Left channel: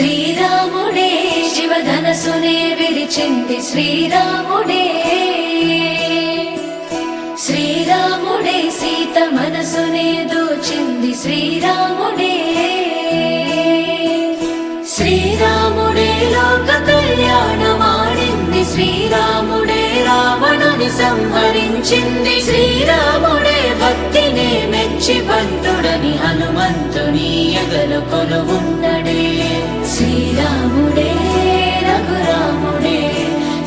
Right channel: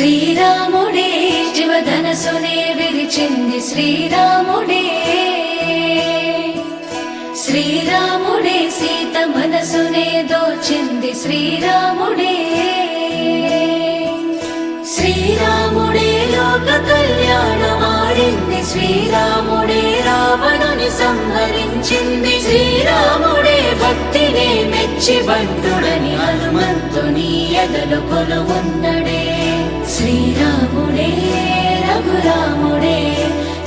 శ్రీరాముడే శివధనసునే విరిచింది శ్రీరాముడే, శ్రీరాముడే సీత మనసునే దోచింది శ్రీరాముడే, శ్రీరాముడే లోక కళ్యాణమాడింది శ్రీరాముడే, రావణుని సంహరించింది శ్రీరాముడే, భక్తినే మెచ్చి బంటుడని హనుమంతుని ఎదలు కొలువున్నడే, శ్రీరాముడే రఘురాముడే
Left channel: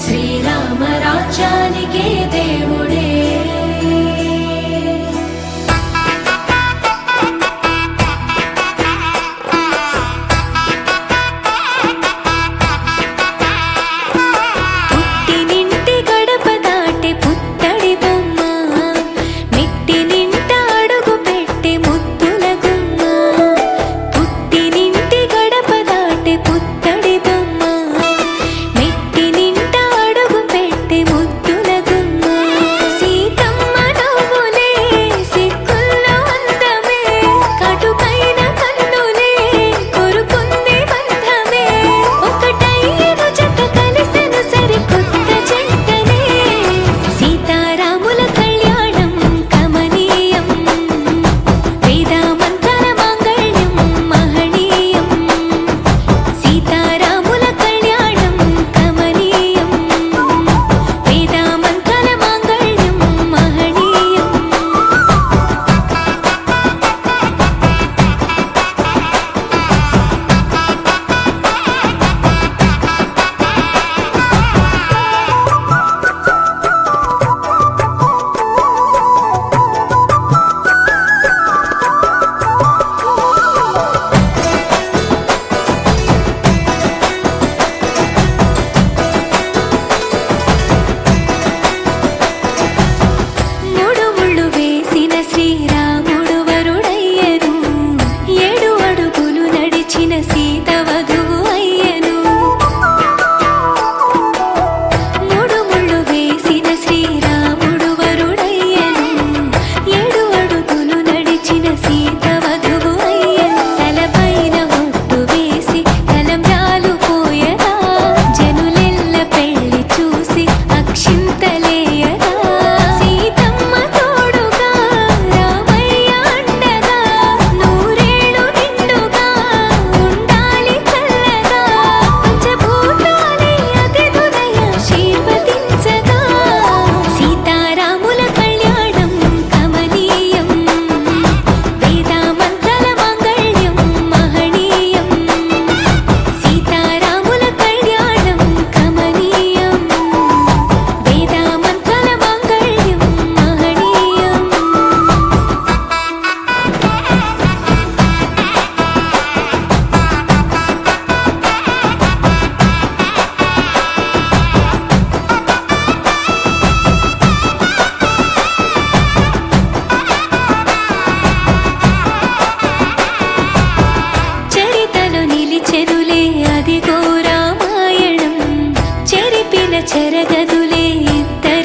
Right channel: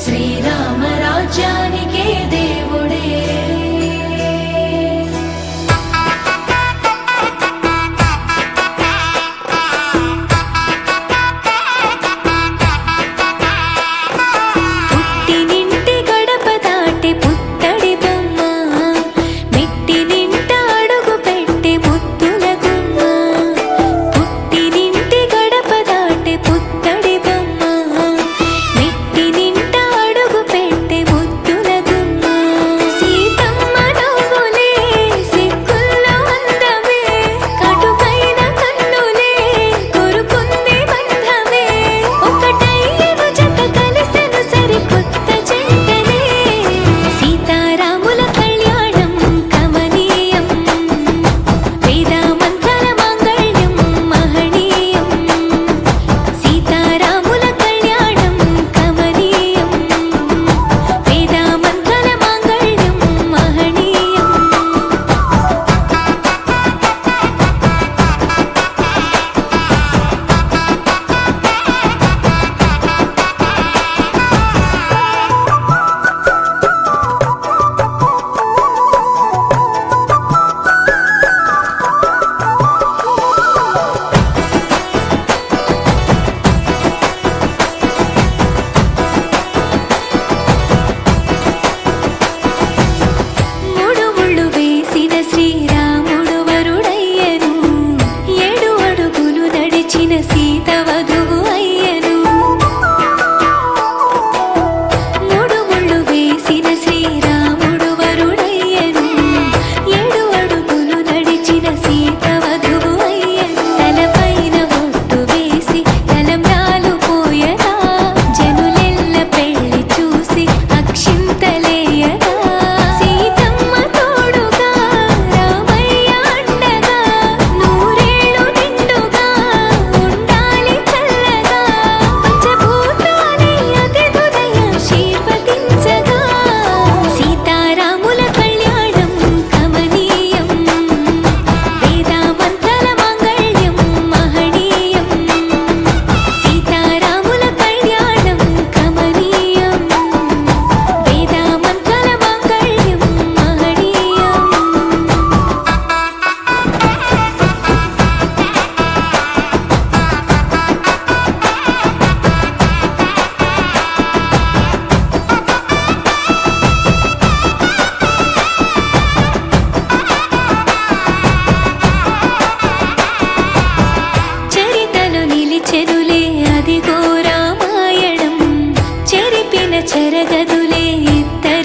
శ్రీరామ రాజ్యానికే దేవుడే. పుట్టినింటి గడప దాటి పుత్తడి బొమ్మ, మెట్టి నింట అడుగు పెట్టి ముద్దుల గుమ్మ. పుట్టినింటి గడప దాటి పుత్తడి బొమ్మ, మెట్టి నింట అడుగు పెట్టి ముద్దుల గుమ్మ. సీతమ్మ నవ్వులే సిగ్గుల్లో అందమే, కటుకైన కన్నులే కొరుకుంది బంధమే, ఒకటయ్యను జత కలిసెను సరికొత్త జంటనే. సీతారాముల కళ్యాణం కమనీయం, వేదమంత్రాల మాంగళ్యం మహనీయం. సీతారాముల కళ్యాణం కమనీయం, వేదమంత్రాల మాంగళ్యం మహనీయం. మూడు ముళ్ళు వేసిన శ్రీరాముడు వరుడయ్యను, 7 అడుగులు నడిచిన సీత వధువు అయ్యను. మూడు ముళ్ళు వేసిన శ్రీరాముడు వరుడయ్యను, 7 అడుగులు నడిచిన సీత వధువు అయ్యను. తలపైన ఒట్టు వేసి తలంబ్రాలు పోయగా, జనులెల్ల పెళ్లి చూసి అక్షింతలేయగా. సీతమ్మ తోడుగా రామయ్య అండగా, నూరేళ్ళు నిండుగా ఉండాలి చల్లగా. పంచభూతాలే అతిథులై ఆశీర్వదించగా. సీతారాముల కళ్యాణం కమనీయం, వేదమంత్రాల మాంగళ్యం మహనీయం. సీతారాముల కళ్యాణం కమనీయం, వేదమంత్రాల మాంగళ్యం మహనీయం. చరితలో నిలిచెనులే అదిగో రామాయణం, చెరిపిన చెరగదులే ఇద్దరి